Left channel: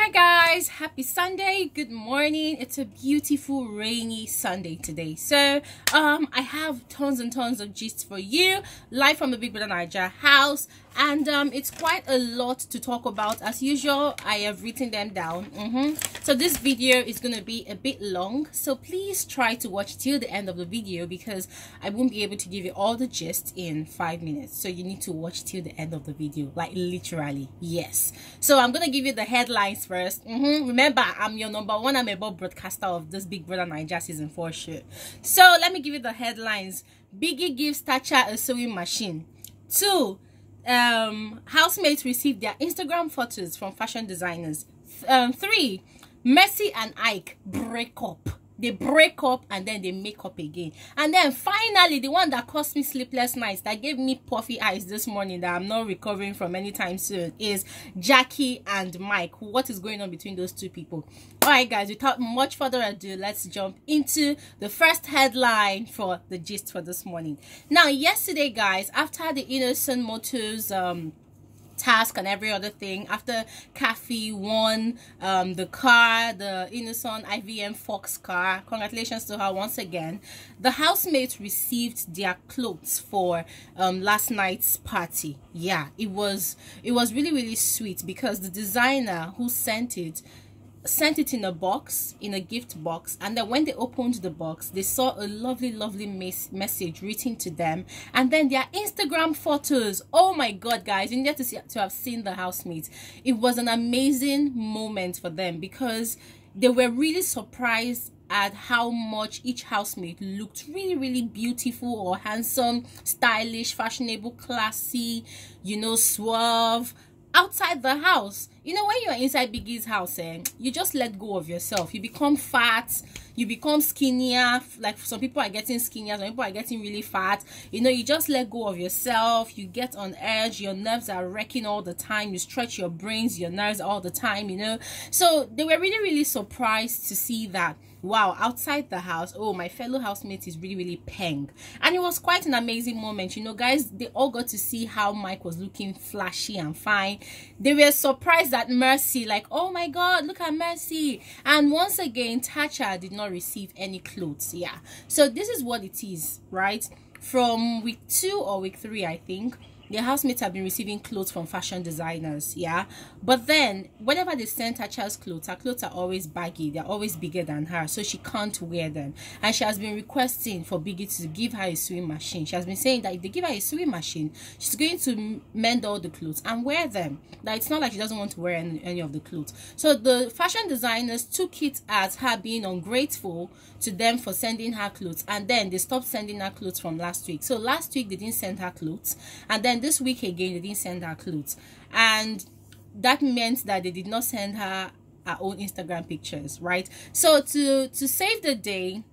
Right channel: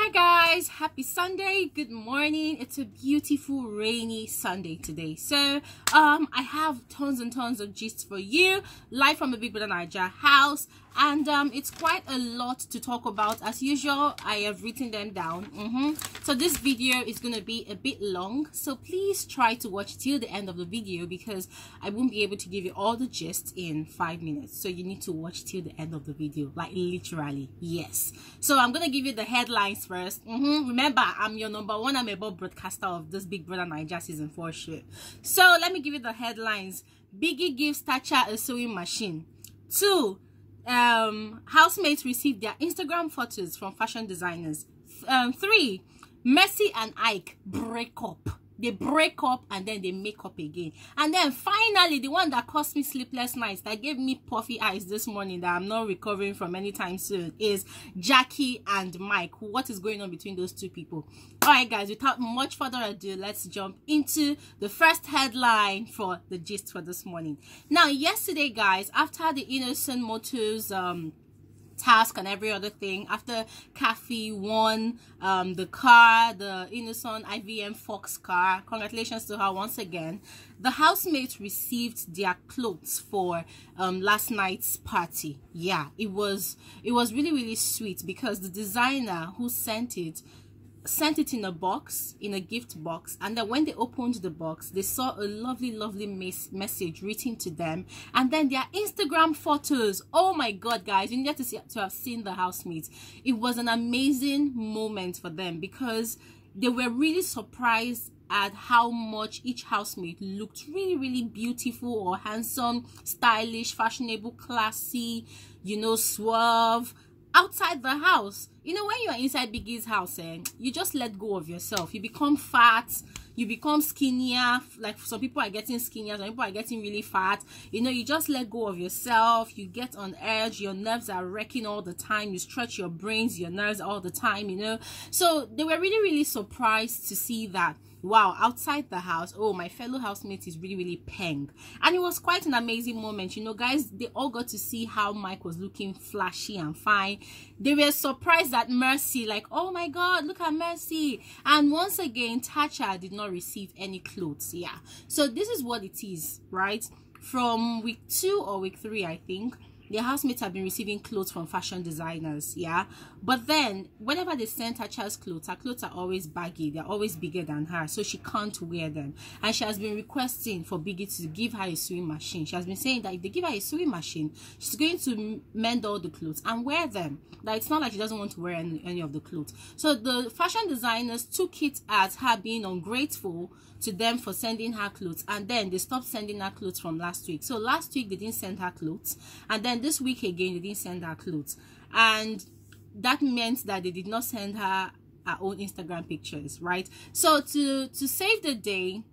Hi guys, happy Sunday, good morning. It's a beautiful rainy Sunday today. So I have tons and tons of gist for you, live from the BBNaija house, and it's quite a lot to talk about. As usual, I have written them down. So this video is going to be a bit long, so please try to watch till the end of the video because I won't be able to give you all the gist in 5 minutes. So you need to watch till the end of the video, like literally, yes. So I'm going to give you the headlines first. Remember, I'm your #1 amable broadcaster of this Big Brother Naija season 4 show. So let me give you the headlines. Biggie gives Tacha a sewing machine. 2, housemates receive their Instagram photos from fashion designers. 3, Mercy and Ike break up. They break up and then they make up again. And then finally, the one that caused me sleepless nights, that gave me puffy eyes this morning, that I'm not recovering from anytime soon, is Jackye and Mike. What is going on between those two people? All right, guys, without much further ado, let's jump into the first headline for the gist for this morning. Now, yesterday, guys, after the Innocent Motors task and every other thing, after Kathy won the car, the Innocent IVM Fox car, congratulations to her once again, the housemates received their clothes for last night's party. Yeah, it was really sweet because the designer who sent it in a box, in a gift box, and then when they opened the box, they saw a lovely message written to them, and then their Instagram photos. Oh my god, guys, you need to have seen the housemates. It was an amazing moment for them because they were really surprised at how much each housemate looked really beautiful or handsome, stylish, fashionable, classy, you know, suave outside the house. You know, when you're inside Biggie's house, you just let go of yourself. You become fat, you become skinnier. Like some people are getting skinnier, some people are getting really fat. You know, you just let go of yourself. You get on edge, your nerves are wrecking all the time. You stretch your brains, your nerves all the time, you know. So they were really surprised to see that, wow, outside the house, oh, my fellow housemate is really peng. And it was quite an amazing moment. You know, guys, they all got to see how Mike was looking flashy and fine. They were surprised at Mercy, like, oh my god, look at Mercy. And once again, Tacha did not receive any clothes. Yeah, so this is what it is, right? From week 2 or week 3, I think, their housemates have been receiving clothes from fashion designers, yeah. But then whenever they send Tacha's clothes, her clothes are always baggy, they're always bigger than her, so she can't wear them. And she has been requesting for Biggie to give her a sewing machine. She has been saying that if they give her a sewing machine, she's going to mend all the clothes and wear them. That it's not like she doesn't want to wear any of the clothes. So the fashion designers took it as her being ungrateful to them for sending her clothes, and then they stopped sending her clothes from last week. So last week they didn't send her clothes, and then this week again they didn't send her clothes, and that meant that they did not send her own Instagram pictures, right? So to save the day,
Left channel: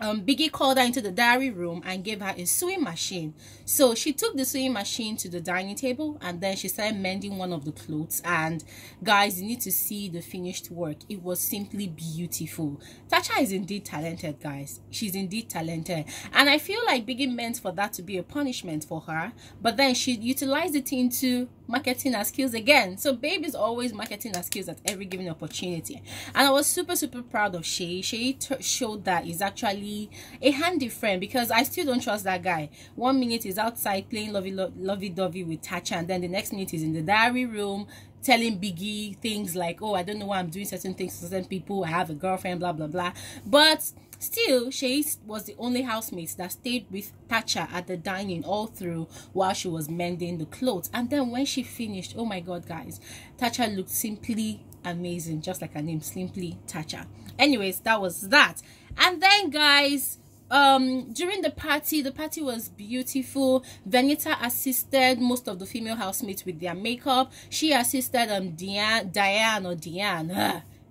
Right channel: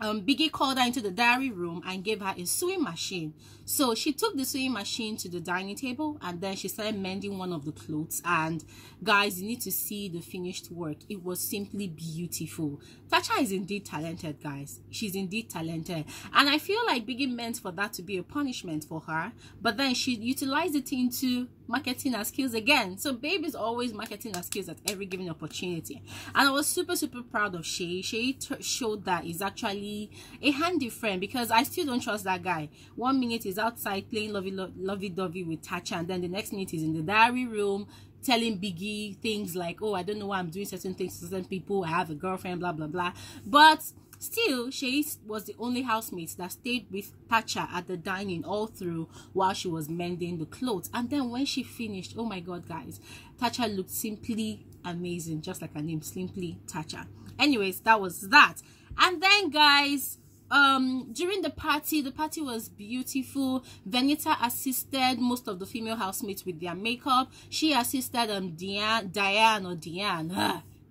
Biggie called her into the diary room and gave her a sewing machine. So she took the sewing machine to the dining table and then she started mending one of the clothes. And guys, you need to see the finished work. It was simply beautiful. Tacha is indeed talented, guys. She's indeed talented. And I feel like Biggie meant for that to be a punishment for her, but then she utilized it into marketing her skills again. So babe is always marketing her skills at every given opportunity. And I was super proud of Shay. Shay showed that he's actually a handy friend, because I still don't trust that guy. 1 minute is outside playing lovey-dovey with Tacha, and then the next minute is in the diary room telling Biggie things like, oh, I don't know why I'm doing certain things to certain people, I have a girlfriend, blah blah. But still, Shay was the only housemate that stayed with Tacha at the dining all through while she was mending the clothes. And then when she finished, oh my god, guys, Tacha looked simply amazing, just like her name, Simply Tacha. Anyways, that was that. And then, guys, during the party was beautiful. Venita assisted most of the female housemates with their makeup. She assisted Diane.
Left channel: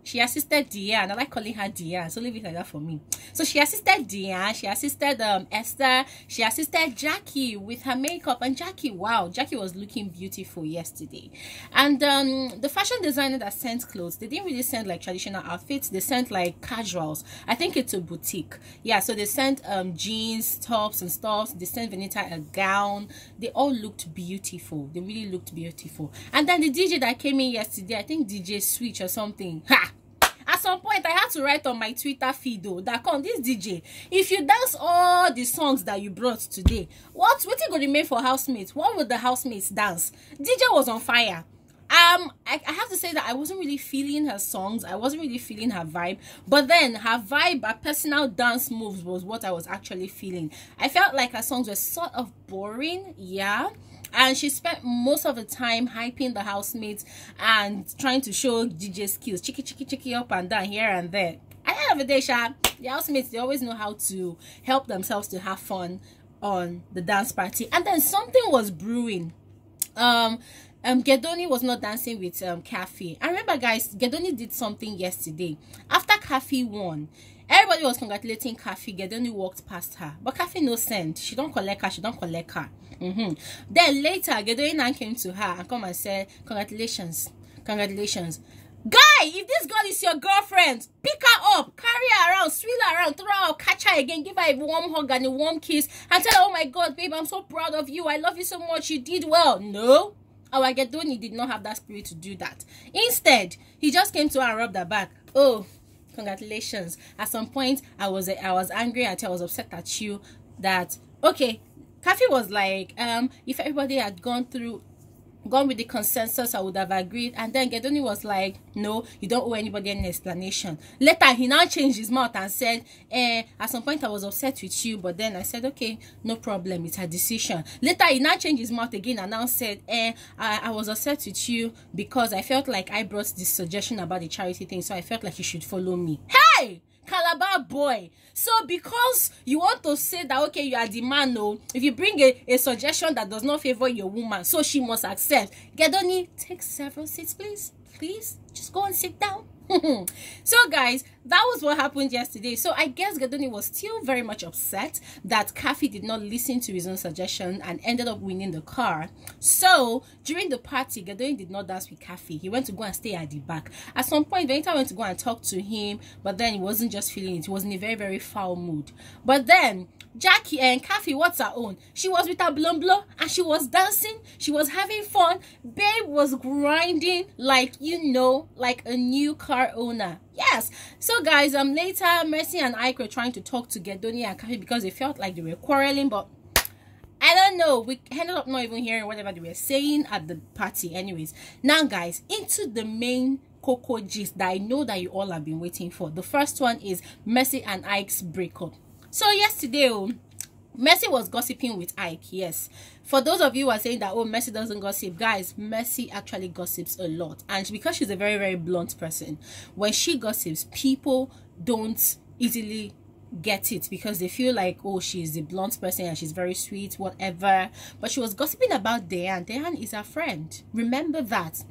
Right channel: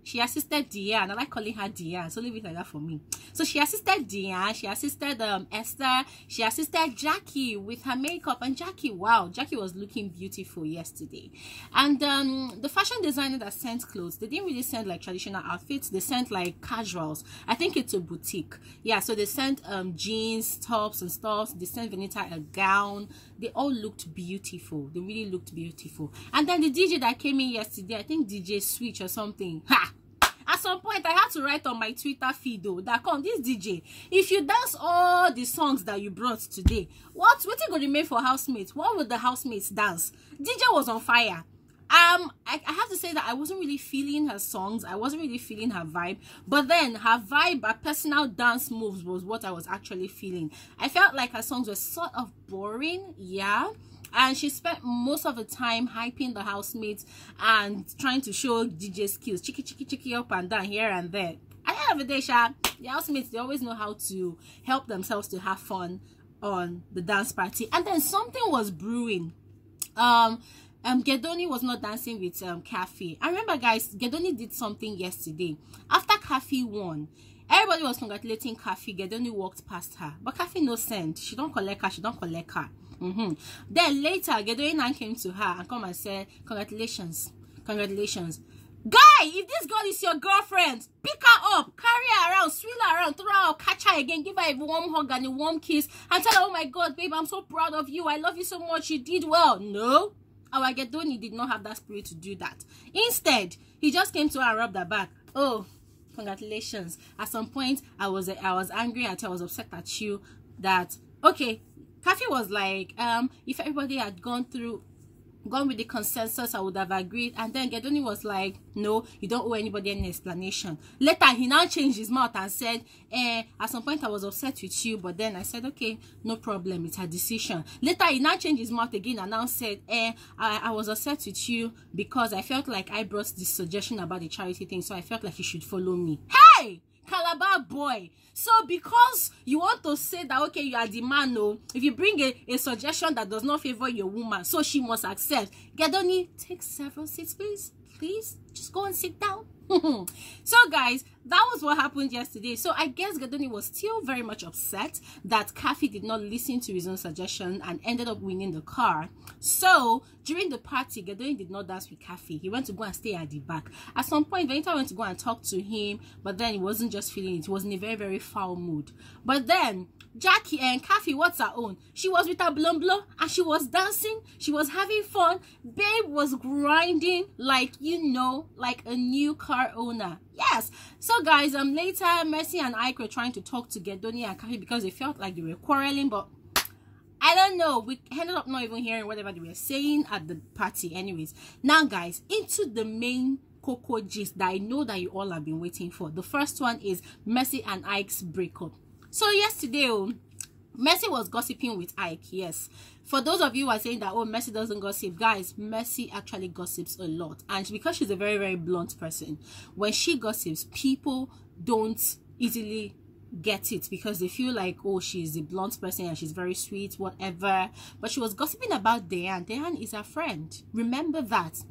she assisted Diane. I like calling her Diane, so leave it like that for me. So she assisted Diane, she assisted Esther, she assisted Jackye with her makeup. And Jackye, wow, Jackye was looking beautiful yesterday. And the fashion designer that sent clothes, they didn't really send like traditional outfits, they sent like casuals. I think it's a boutique. Yeah, so they sent jeans, tops and stuff. They sent Venita a gown. They all looked beautiful. They really looked beautiful. And then the DJ that came in yesterday, I think DJ Switch or something, ha! At some point, I had to write on my Twitter feed though that come this DJ, if you dance all the songs that you brought today, what's going to remain for housemates? What would the housemates dance? DJ was on fire. I have to say that I wasn't really feeling her songs. I wasn't really feeling her vibe. But then her vibe, her personal dance moves was what I was actually feeling. I felt like her songs were sort of boring, yeah. And she spent most of the time hyping the housemates and trying to show DJ skills. Chicky up and down here and there. At the end of the day, the housemates, they always know how to help themselves to have fun on the dance party. And then something was brewing. Gedoni was not dancing with Kafi. I remember, guys, Gedoni did something yesterday. After Kafi won, everybody was congratulating Kafi. Gedoni walked past her. But Kafi no send. She don't collect her. She don't collect her. Then later, Gedoni came to her and come and said, congratulations. Congratulations. Guy, if this girl is your girlfriend, pick her up, carry her around, swing her around, throw her out, catch her again, give her a warm hug and a warm kiss, and tell her, oh my God, babe, I'm so proud of you. I love you so much. You did well. No. Our Gedoni did not have that spirit to do that. Instead, he just came to her and rubbed her back. Oh, congratulations. At some point, I was angry at you. I was upset at you that, okay, Kafi was like, if everybody had gone with the consensus, I would have agreed. And then Gedoni was like, no, you don't owe anybody any explanation. Later, he now changed his mouth and said, at some point I was upset with you, but then I said, okay, no problem, it's her decision. Later, he now changed his mouth again and now said, I was upset with you because I felt like I brought this suggestion about the charity thing, so I felt like you should follow me. Hey! Calabar boy. So because you want to say that, okay, you are the man, no, if you bring a suggestion that does not favor your woman, so she must accept. Gedoni, take several seats, please. Please, just go and sit down. So guys, that was what happened yesterday. So I guess Gedoni was still very much upset that Kafi did not listen to his own suggestion and ended up winning the car. So during the party, Gedoni did not dance with Kafi. He went to go and stay at the back. At some point, Venita went to go and talk to him, but then he wasn't just feeling it. He was in a very, very foul mood. But then Jackye and Kafi, what's her own? She was with her blonde and she was dancing. She was having fun. Babe was grinding like, you know, like a new car owner. Yes. So guys, later Mercy and Ike were trying to talk to Gedoni and Kafi because they felt like they were quarreling, but I don't know. We ended up not even hearing whatever they were saying at the party. Anyways, now guys, into the main cocoa gist that I know that you all have been waiting for. The first one is Mercy and Ike's breakup. So yesterday, Mercy was gossiping with Ike. Yes, for those of you who are saying that, oh, Mercy doesn't gossip, guys, Mercy actually gossips a lot. And because she's a very, very blunt person, when she gossips, people don't easily get it because they feel like, oh, she's a blunt person and she's very sweet, whatever. But she was gossiping about Diane. Diane is her friend. Remember that.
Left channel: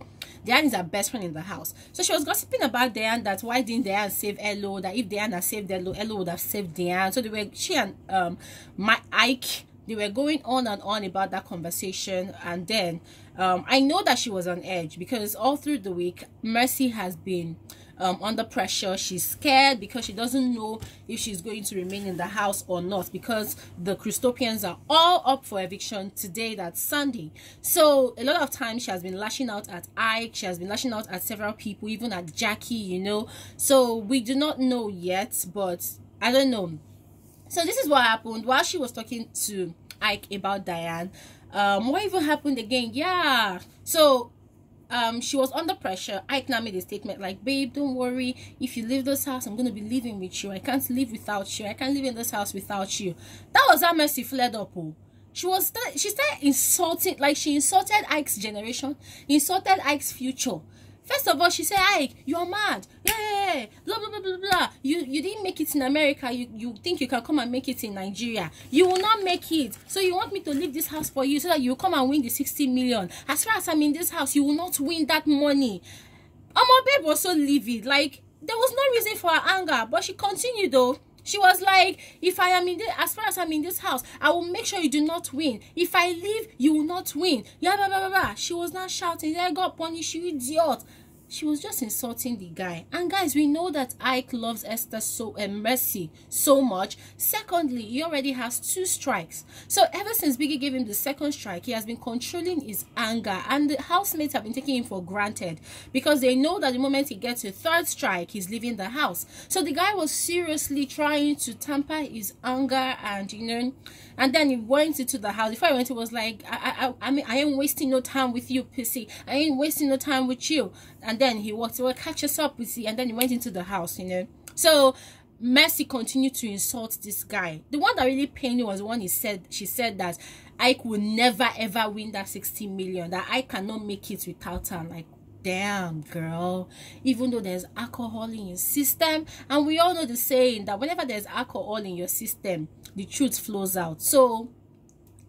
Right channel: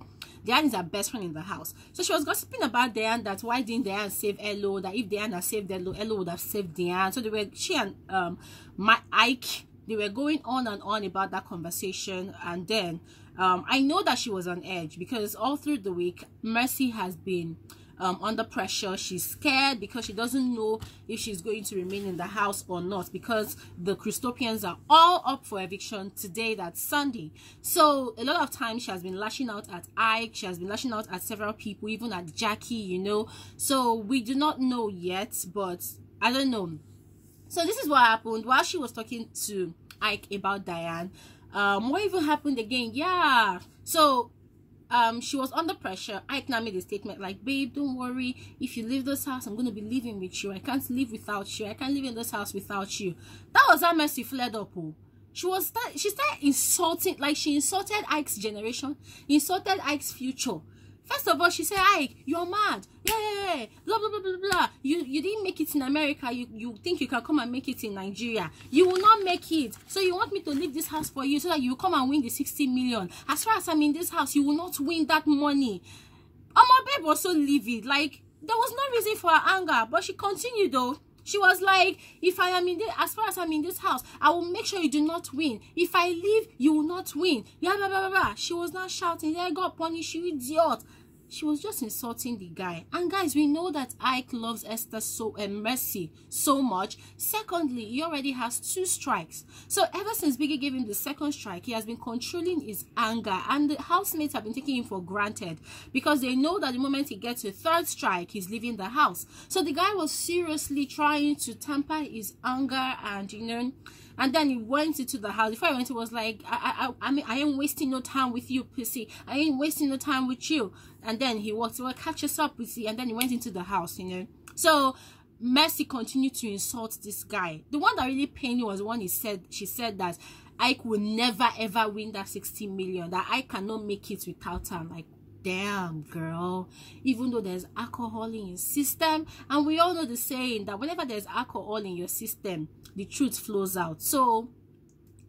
Diane is her best friend in the house. So she was gossiping about Diane, that why didn't Diane save Elo, that if Diane had saved Elo, Elo would have saved Diane. So she and my Ike, they were going on and on about that conversation. And then I know that she was on edge because all through the week, Mercy has been under pressure. She's scared because she doesn't know if she's going to remain in the house or not, because the Christopians are all up for eviction today, that's Sunday. So a lot of times she has been lashing out at Ike, she has been lashing out at several people, even at Jackye, you know. So we do not know yet, but I don't know. So this is what happened while she was talking to Ike about Diane. What even happened again? Yeah, so she was under pressure. Ike now made a statement like, babe, don't worry, if you leave this house, I'm gonna be living with you. I can't live without you. I can't live in this house without you. That was how Mercy flared up. She started insulting, like she insulted Ike's generation, insulted Ike's future. First of all, she said, Ike, you're mad. Yeah, blah, blah, blah, blah, blah. You didn't make it in America. You think you can come and make it in Nigeria. You will not make it. So you want me to leave this house for you so that you come and win the 60 million. As far as I'm in this house, you will not win that money. My babe was so livid. Like, there was no reason for her anger, but she continued though. She was like, if I am in this, as far as I'm in this house, I will make sure you do not win. If I leave, you will not win. Yeah, blah, blah, blah, blah. She was not shouting, I got punished, you idiot. She was just insulting the guy. And guys, we know that Ike loves Esther Mercy so much. Secondly, he already has 2 strikes. So ever since Biggie gave him the 2nd strike, he has been controlling his anger. And the housemates have been taking him for granted, because they know that the moment he gets a 3rd strike, he's leaving the house. So the guy was seriously trying to tamper his anger, and you know, and then he went into the house. Before he went, he was like, I mean, I ain't wasting no time with you, pussy. I ain't wasting no time with you. And then he walked, well, catch us up, pussy. And then he went into the house, you know. So Mercy continued to insult this guy. The one that really pained me was the one she said that Ike will never ever win that 60 million. That I cannot make it without her. Like, damn, girl. Even though there's alcohol in your system, and we all know the saying that whenever there's alcohol in your system, the truth flows out. So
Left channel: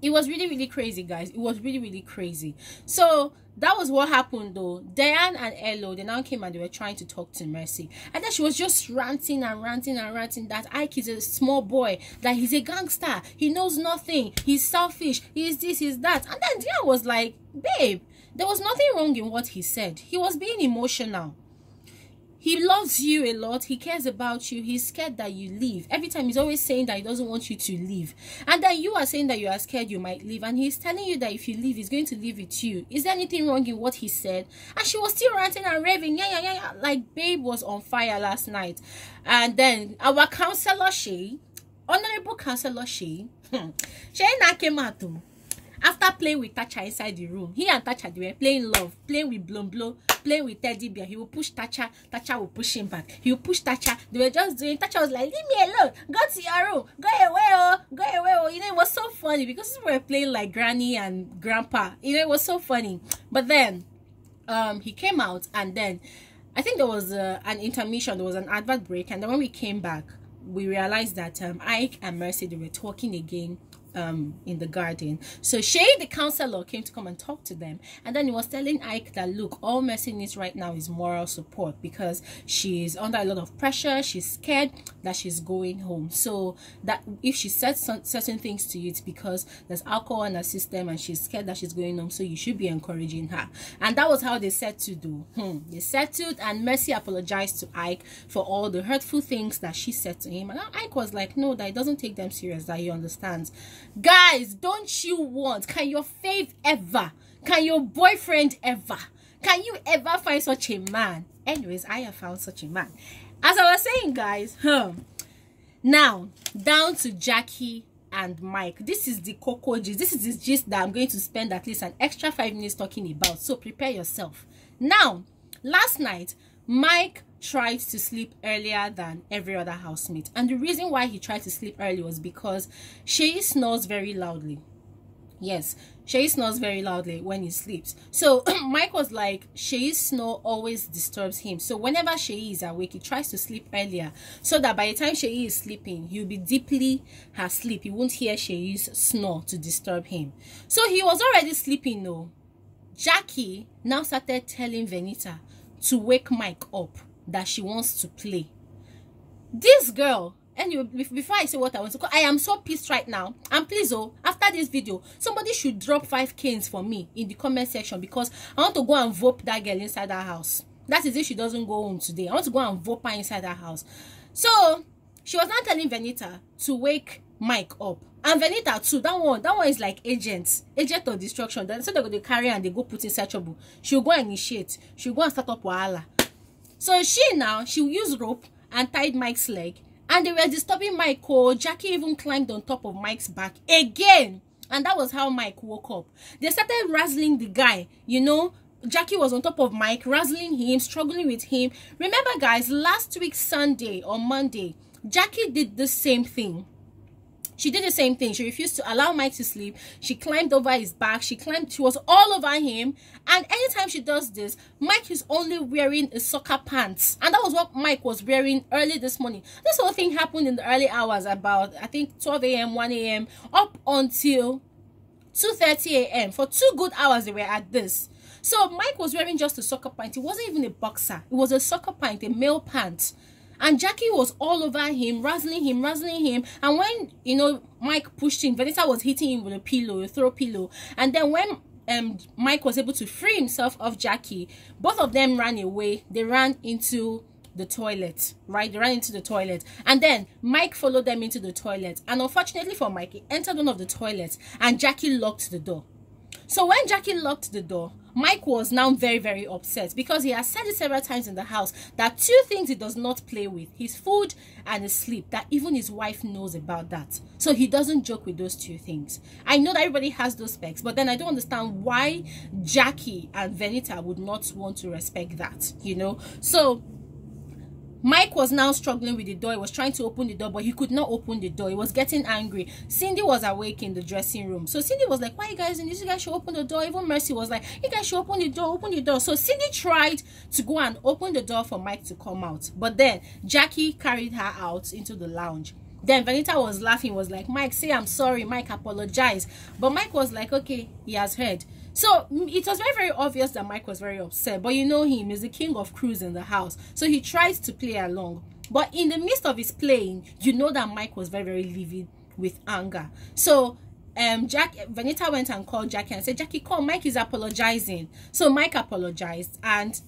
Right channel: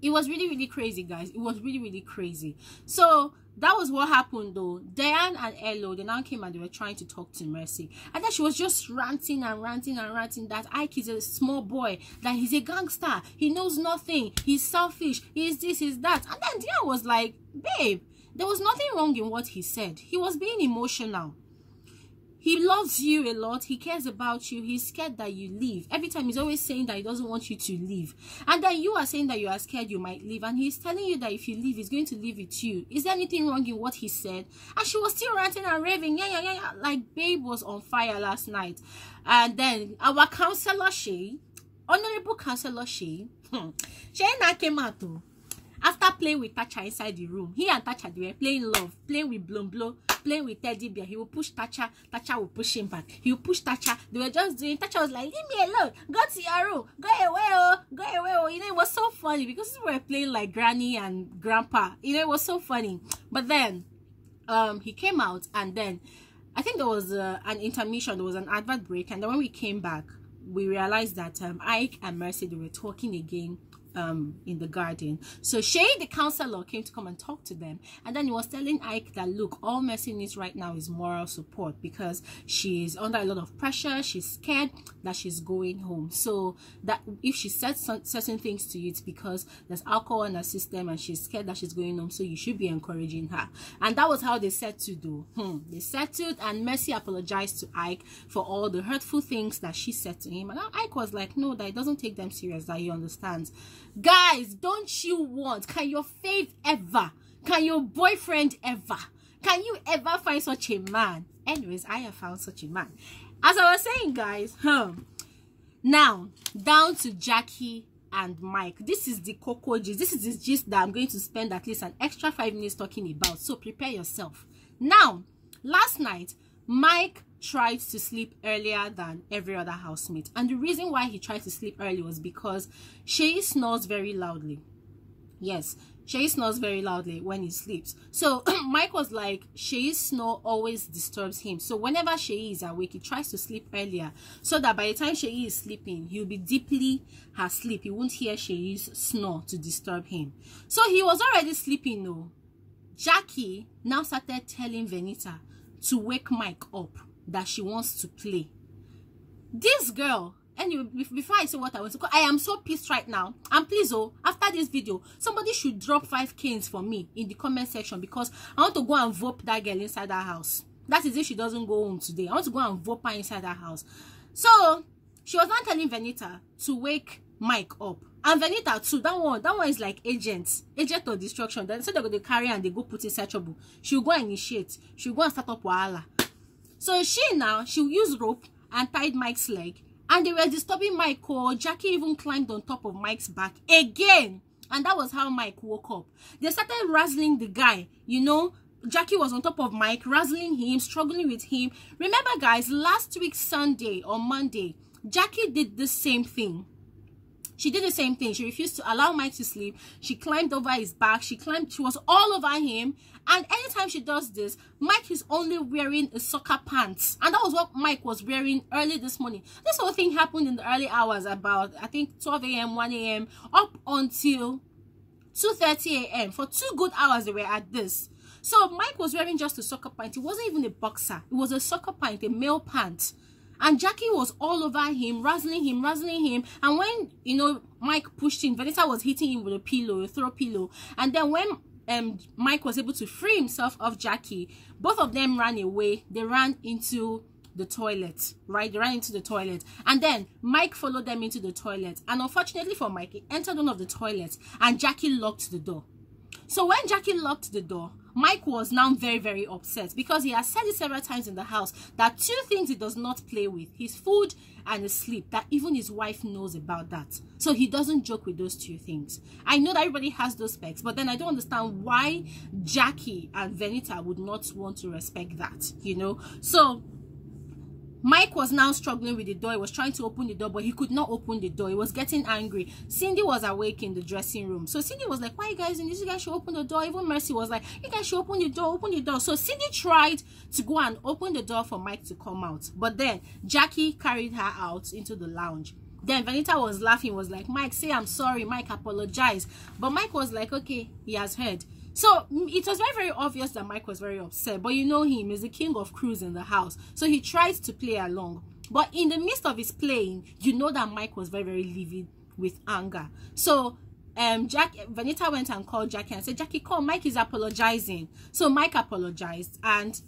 it was really, really crazy, guys. It was really, really crazy. So that was what happened though. Diane and Elo, they now came and they were trying to talk to Mercy, and then she was just ranting and ranting and ranting that Ike is a small boy, that he's a gangster, he knows nothing, he's selfish, he's this, he's that. And then Diane was like, babe, there was nothing wrong in what he said. He was being emotional. He loves you a lot. He cares about you. He's scared that you leave. Every time he's always saying that he doesn't want you to leave. And then you are saying that you are scared you might leave. And he's telling you that if you leave, he's going to leave with you. Is there anything wrong in what he said? And she was still ranting and raving. Yeah. Like, babe was on fire last night. And then our counselor, Honorable Counselor, she now came out too. After playing with Tacha inside the room, he and Tacha, they were playing love, playing with Blow, playing with Teddy Bear. He will push Tacha, Tacha will push him back. He will push Tacha. They were just doing. Tacha was like, leave me alone. Go to your room. Go away, oh. Go away, oh. You know, it was so funny because we were playing like Granny and Grandpa. You know, it was so funny. But then, he came out, and then I think there was an intermission. There was an advert break, and then when we came back, we realized that Ike and Mercy, they were talking again in the garden. So Shay, the counselor, came to come and talk to them, and then he was telling Ike that, look, all Mercy needs right now is moral support, because she's under a lot of pressure. She's scared that she's going home, so that if she said certain things to you, it's because there's alcohol in her system and she's scared that she's going home, so you should be encouraging her. And that was how they settled though. They settled, and Mercy apologized to Ike for all the hurtful things that she said to him, and Ike was like, no, that it doesn't take them serious, that he understands. Guys, don't you want, can your fave ever, can your boyfriend ever, can you ever find such a man? Anyways, I have found such a man. As I was saying, guys, now down to Jackye and Mike. This is the cocoa gist. This is the gist that I'm going to spend at least an extra 5 minutes talking about, so prepare yourself. Now, last night, Mike tried to sleep earlier than every other housemate, and the reason why he tried to sleep early was because Shay snores very loudly. Yes, Shay snores very loudly when he sleeps. So Mike was like, Shay's snore always disturbs him, so whenever Shay is awake, he tries to sleep earlier, so that by the time Shay is sleeping, he'll be deeply asleep. He won't hear Shay's snore to disturb him. So he was already sleeping though. Jackye now started telling Venita to wake Mike up, that she wants to play. This girl, anyway, before I say what I want to call, I am so pissed right now. And please, oh, after this video, somebody should drop 5 canes for me in the comment section, because I want to go and vote that girl inside that house. That is if she doesn't go home today. I want to go and vote her inside that house. So she was not telling Venita to wake Mike up, and Venita too. That one is like agent of destruction. Then so they go to carry and they go put inside trouble. She'll go and initiate. She'll go and start up wahala. So she'll use rope and tied Mike's leg, and they were disturbing Mike. Jackye even climbed on top of Mike's back again, and that was how Mike woke up. They started razzling the guy, you know. Jackye was on top of Mike, razzling him, struggling with him. Remember, guys, last week Sunday or Monday, Jackye did the same thing. She did the same thing. She refused to allow Mike to sleep. She climbed over his back. She was all over him. And anytime she does this, Mike is only wearing a soccer pants. And that was what Mike was wearing early this morning. This whole thing happened in the early hours, about, I think, 12 a.m., 1 a.m., up until 2:30 a.m. For 2 good hours they were at this. So Mike was wearing just a soccer pant. It wasn't even a boxer. It was a soccer pant, a male pant. And Jackye was all over him, razzling him. And when, you know, Mike pushed him, Vanessa was hitting him with a pillow, a throw pillow. And then when Mike was able to free himself of Jackye, both of them ran away. They ran into the toilet, right? They ran into the toilet. And then Mike followed them into the toilet. And unfortunately for Mike, he entered one of the toilets and Jackye locked the door. So when Jackye locked the door, Mike was now very, very upset because he has said it several times in the house that two things he does not play with: his food and his sleep. That even his wife knows about that. So he doesn't joke with those two things. I know that everybody has those specs, but then I don't understand why Jackye and Venita would not want to respect that, you know. So Mike was now struggling with the door. He was trying to open the door, but he could not open the door. He was getting angry. Cindy was awake in the dressing room. So Cindy was like, why are you guys in this? You guys should open the door. Even Mercy was like, you guys should open the door, open the door. So Cindy tried to go and open the door for Mike to come out. But then Jackye carried her out into the lounge. Then Venita was laughing, was like, Mike, say I'm sorry. Mike, apologize. But Mike was like, okay, he has heard. So it was very, very obvious that Mike was very upset. But you know him, he's the king of crews in the house. So he tried to play along. But in the midst of his playing, you know that Mike was very, very livid with anger. So Venita went and called Jackye and said, Jackye, come, Mike is apologizing. So Mike apologized, and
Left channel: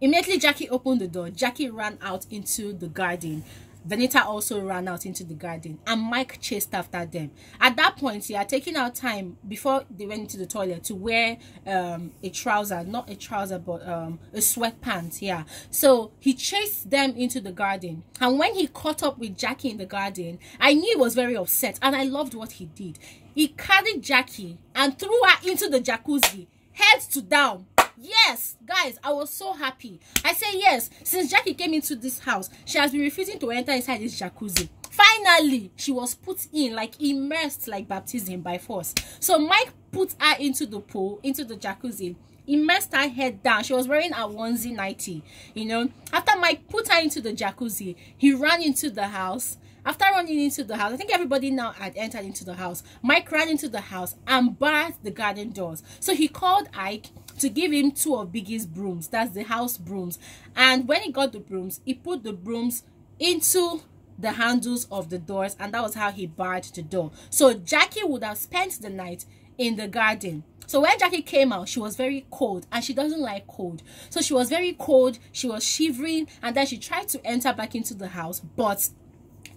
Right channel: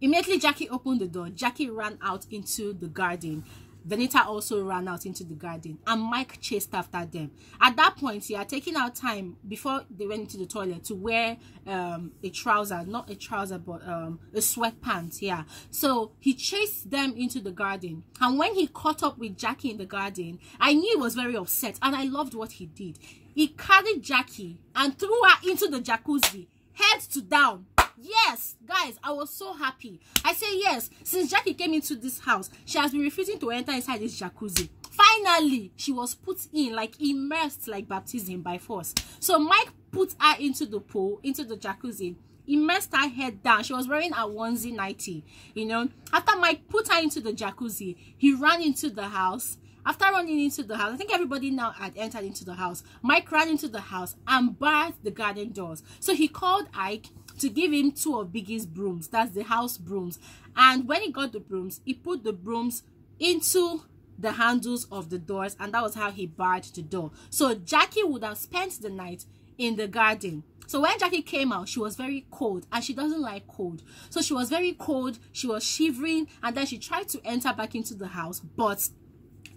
immediately Jackye opened the door. Jackye ran out into the garden. Venita also ran out into the garden, and Mike chased after them. At that point, he had taken out time before they went into the toilet to wear a trouser, not a trouser, but a sweatpants. Yeah. So he chased them into the garden, and when he caught up with Jackye in the garden, I knew he was very upset, and I loved what he did. He carried Jackye and threw her into the jacuzzi, head to down. Yes, guys, I was so happy. I say yes, since Jackye came into this house, she has been refusing to enter inside this jacuzzi. Finally, she was put in, like immersed, like baptism by force. So Mike put her into the pool, into the jacuzzi, immersed her head down. She was wearing a onesie nightie, you know. After Mike put her into the jacuzzi, he ran into the house. After running into the house, I think everybody now had entered into the house. Mike ran into the house and barred the garden doors. So he called Ike to give him two of Biggie's brooms. That's the house brooms. And when he got the brooms, he put the brooms into the handles of the doors, and that was how he barred the door. So Jackye would have spent the night in the garden. So when Jackye came out, she was very cold, and she doesn't like cold. So she was very cold, she was shivering, and then she tried to enter back into the house, but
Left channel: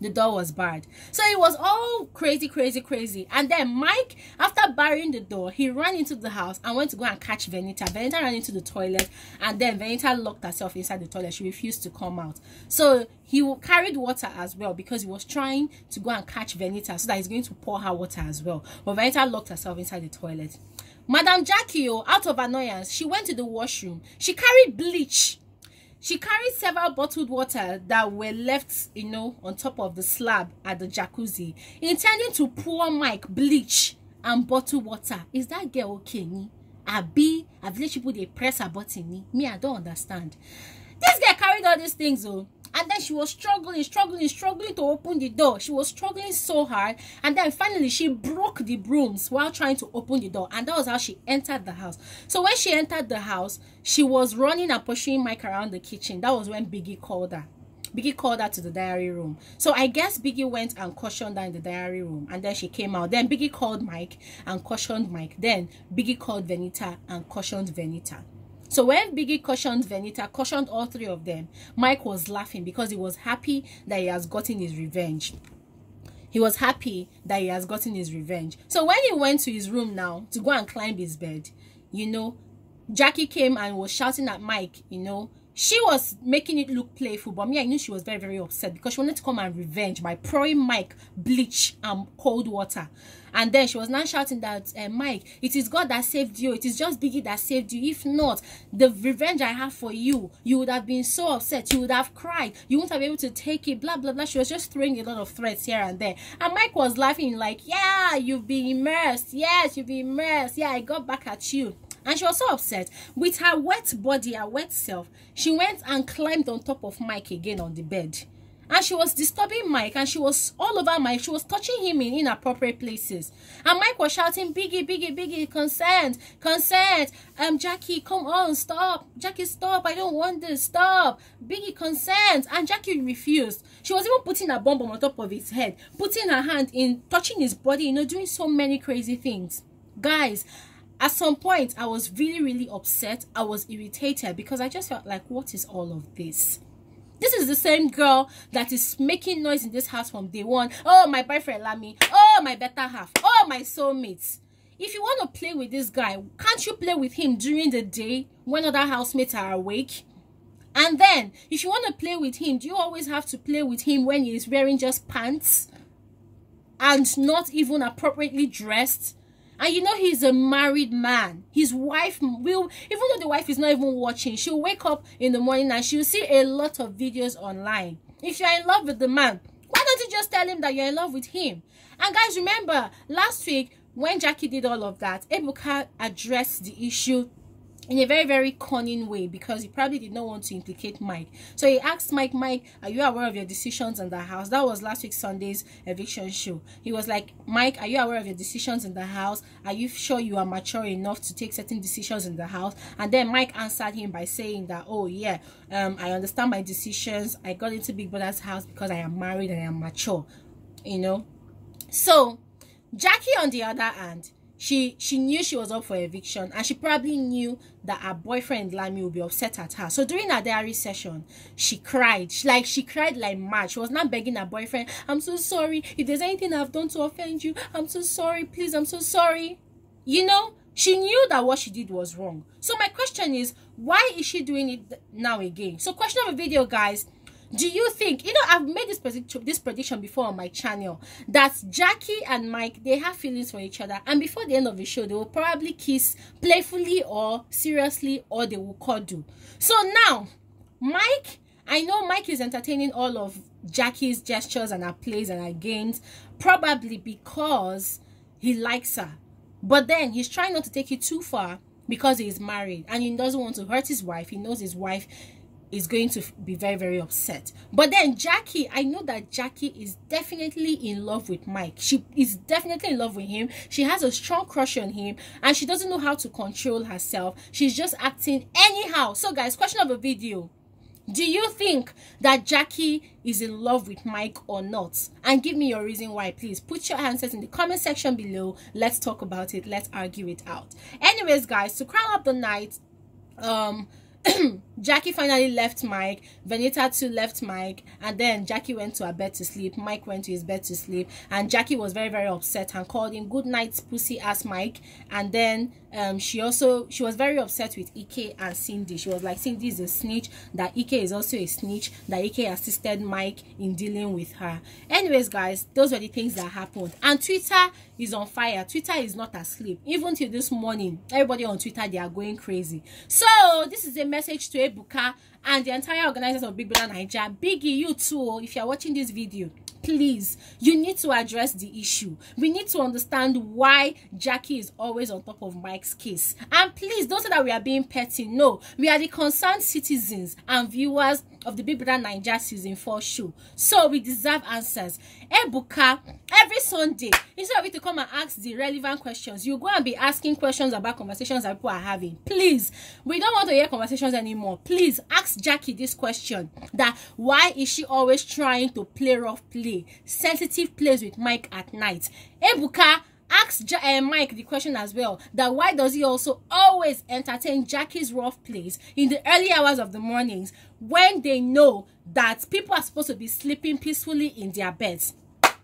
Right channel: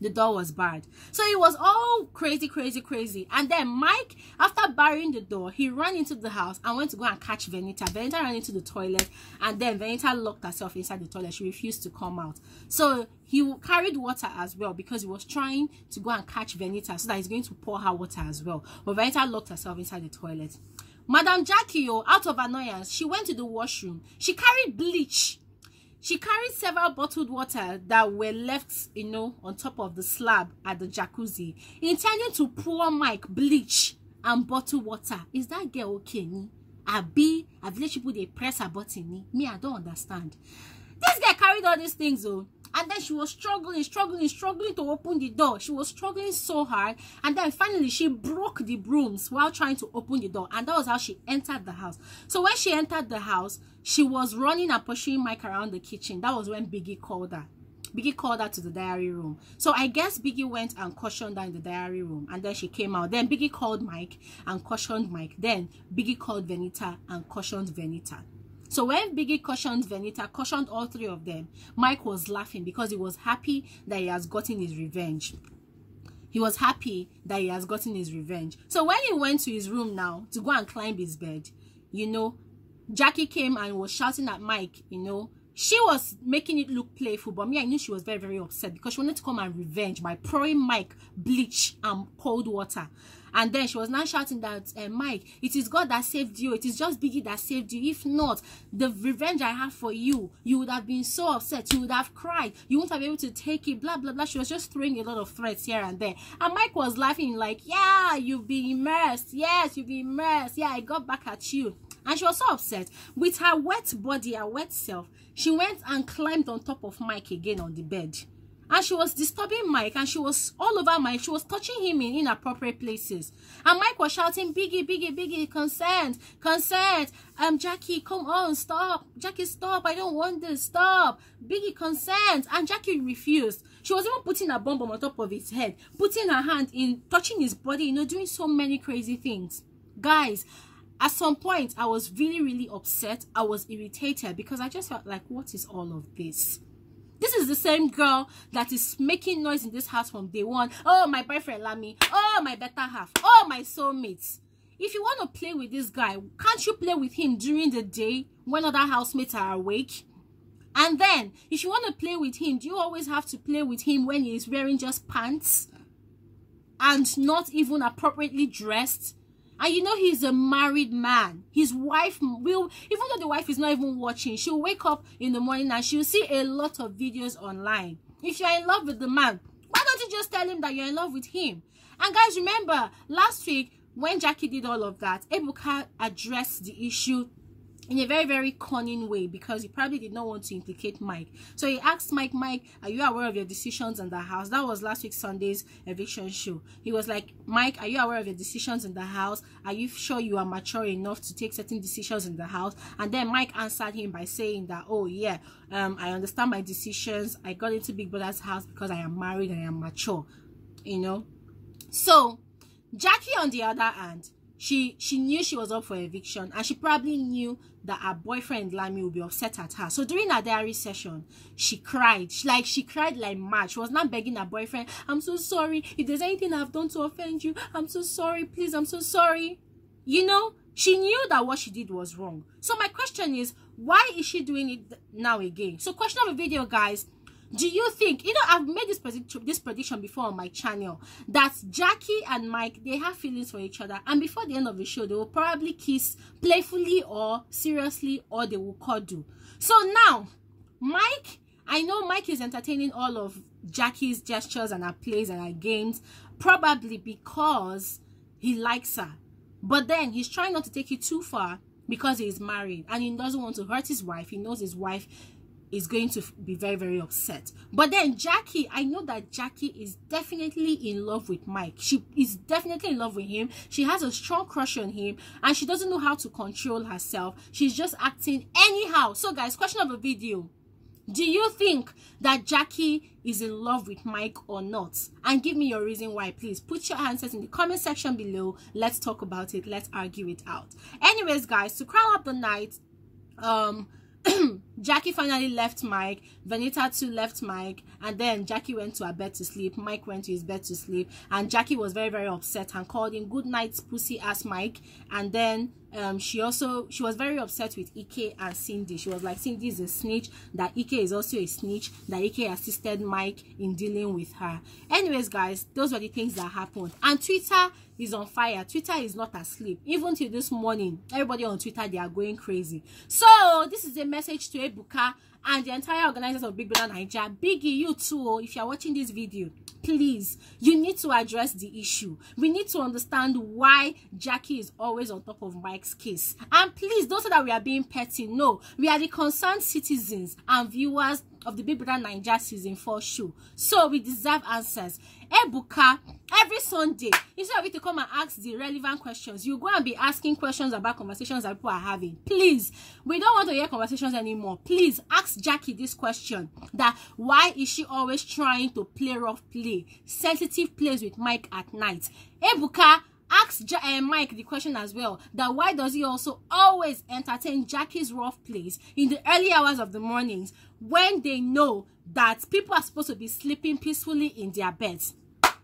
the door was barred. So it was all crazy. And then Mike, after barring the door, he ran into the house and went to go and catch Venita. Venita ran into the toilet, and then Venita locked herself inside the toilet. She refused to come out. So he carried water as well, because he was trying to go and catch Venita so that he's going to pour her water as well. But Venita locked herself inside the toilet. Madam Jackye, out of annoyance, she went to the washroom. She carried bleach. She carried several bottled water that were left, you know, on top of the slab at the jacuzzi, intending to pour Mike bleach and bottled water. Is that girl okay? I village people, they press her button. Me, I don't understand. This girl carried all these things, though. And then she was struggling to open the door. She was struggling so hard. And then finally, she broke the brooms while trying to open the door. And that was how she entered the house. So when she entered the house, she was running and pursuing Mike around the kitchen. That was when Biggie called her. Biggie called her to the diary room. So I guess Biggie went and cautioned her in the diary room. And then she came out. Then Biggie called Mike and cautioned Mike. Then Biggie called Venita and cautioned Venita. So when Biggie cautioned Venita, cautioned all three of them, Mike was laughing because he was happy that he has gotten his revenge. He was happy that he has gotten his revenge. So when he went to his room now to go and climb his bed, you know, Jackye came and was shouting at Mike, you know. She was making it look playful, but me, I knew she was very, very upset because she wanted to come and revenge by pouring Mike bleach and cold water. And then she was now shouting that, Mike, it is God that saved you. It is just Biggie that saved you. If not, the revenge I have for you, you would have been so upset. You would have cried. You wouldn't have been able to take it, blah, blah, blah. She was just throwing a lot of threats here and there. And Mike was laughing like, yeah, you've been immersed. Yes, you've been immersed. Yeah, I got back at you. And she was so upset. With her wet body, her wet self, she went and climbed on top of Mike again on the bed. And she was disturbing Mike, and she was all over Mike. She was touching him in inappropriate places. And Mike was shouting, Biggie, Biggie, Biggie, consent, consent. Jackye, come on, stop. Jackye, stop. I don't want this. Stop. Biggie, consent. And Jackye refused. She was even putting a bomb on top of his head, putting her hand in, touching his body, you know, doing so many crazy things. Guys, at some point, I was really, really upset. I was irritated because I just felt like, what is all of this? This is the same girl that is making noise in this house from day one. Oh, my boyfriend Lami. Oh, my better half. Oh, my soulmates. If you want to play with this guy, can't you play with him during the day when other housemates are awake? And then, if you want to play with him, do you always have to play with him when he is wearing just pants and not even appropriately dressed? And you know he's a married man. His wife will, even though the wife is not even watching, she'll wake up in the morning and she'll see a lot of videos online. If you're in love with the man, why don't you just tell him that you're in love with him? And guys, remember, last week, when Jackye did all of that, Ebuka addressed the issue in a very, very cunning way because he probably did not want to implicate Mike. So he asked Mike, are you aware of your decisions in the house? That was last week Sunday's eviction show. He was like, Mike, are you aware of your decisions in the house? Are you sure you are mature enough to take certain decisions in the house? And then Mike answered him by saying that, oh yeah, I understand my decisions. I got into Big Brother's house because I am married and I am mature, you know. So Jackye, on the other hand, she knew she was up for eviction, and she probably knew that her boyfriend Lami would be upset at her. So during her diary session, she cried. She cried like mad. She was not begging her boyfriend, I'm so sorry. If there's anything I've done to offend you, I'm so sorry. Please, I'm so sorry. You know, she knew that what she did was wrong. So my question is, why is she doing it now again? So question of the video, guys. Do you think, you know, I've made this prediction before on my channel, that Jackye and Mike, they have feelings for each other, and before the end of the show, they will probably kiss playfully or seriously, or they will cuddle. So now, Mike, I know Mike is entertaining all of Jackie's gestures and her plays and her games, probably because he likes her. But then he's trying not to take it too far because he's married and he doesn't want to hurt his wife. He knows his wife is going to be very, very upset. But then Jackye, I know that Jackye is definitely in love with Mike. She is definitely in love with him. She has a strong crush on him, and she doesn't know how to control herself. She's just acting anyhow. So guys, question of the video: do you think that Jackye is in love with Mike or not? And give me your reason why. Please put your answers in the comment section below. Let's talk about it. Let's argue it out. Anyways, guys, to crown up the night, Jackye finally left Mike. Venita too left Mike, and then Jackye went to her bed to sleep. Mike went to his bed to sleep, and Jackye was very, very upset and called him good night pussy ass Mike. And then she was very upset with IKE and Cindy. She was like, Cindy is a snitch, that IKE is also a snitch, that IKE assisted Mike in dealing with her. Anyways, guys, those were the things that happened. And Twitter is on fire. Twitter is not asleep. Even till this morning, everybody on Twitter, they are going crazy. So this is a message to Ebuka and the entire organizers of BBNaija. Biggie, you too, if you're watching this video, please, you need to address the issue. We need to understand why Jackye is always on top of Mike's case. And please, don't say that we are being petty. No, we are the concerned citizens and viewers of the BBNaija season 4 show. So we deserve answers. Ebuka, every Sunday, instead of you to come and ask the relevant questions, you go and be asking questions about conversations that people are having. Please, we don't want to hear conversations anymore. Please ask Jackye this question: that why is she always trying to play rough play, sensitive plays with Mike at night? Ebuka, ask Mike the question as well, that why does he also always entertain Jackie's rough plays in the early hours of the mornings when they know that people are supposed to be sleeping peacefully in their beds?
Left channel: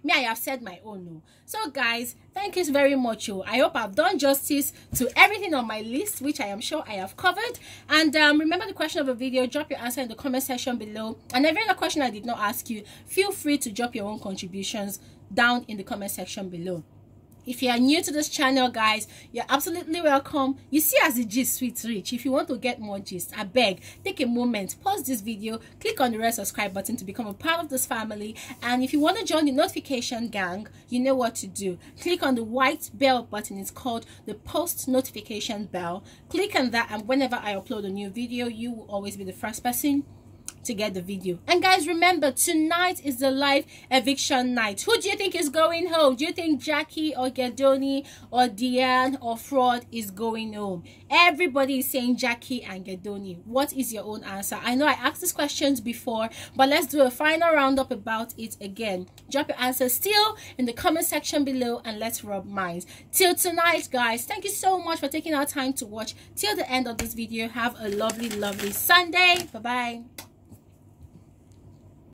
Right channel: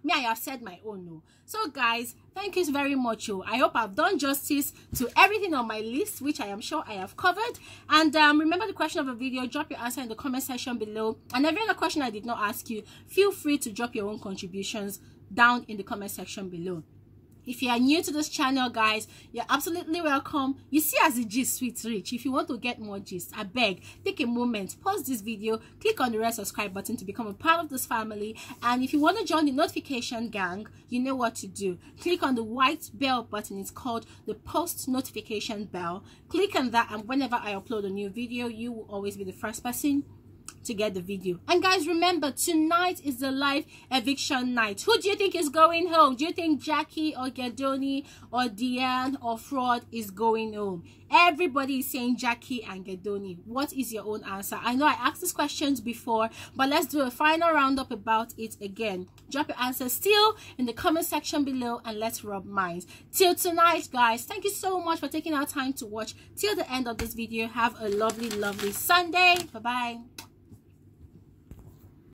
Me, I have said my own no. So guys, thank you very much. I hope I've done justice to everything on my list, which I am sure I have covered. And remember the question of the video, drop your answer in the comment section below. And every other question I did not ask you, feel free to drop your own contributions down in the comment section below. If you are new to this channel, guys, you're absolutely welcome. You see, as the gist sweet rich. If you want to get more gist, I beg, take a moment, pause this video, click on the red subscribe button to become a part of this family. And if you want to join the notification gang, you know what to do. Click on the white bell button. It's called the post notification bell. Click on that, and whenever I upload a new video, you will always be the first person to get the video. And guys, remember, tonight is the live eviction night. Who do you think is going home? Do you think Jackye or Gedoni or Diane or Fraud is going home? Everybody is saying Jackye and Gedoni. What is your own answer? I know I asked these questions before, but let's do a final roundup about it again. Drop your answers still in the comment section below and let's rub minds. Till tonight, guys, thank you so much for taking our time to watch till the end of this video. Have a lovely Sunday. Bye bye.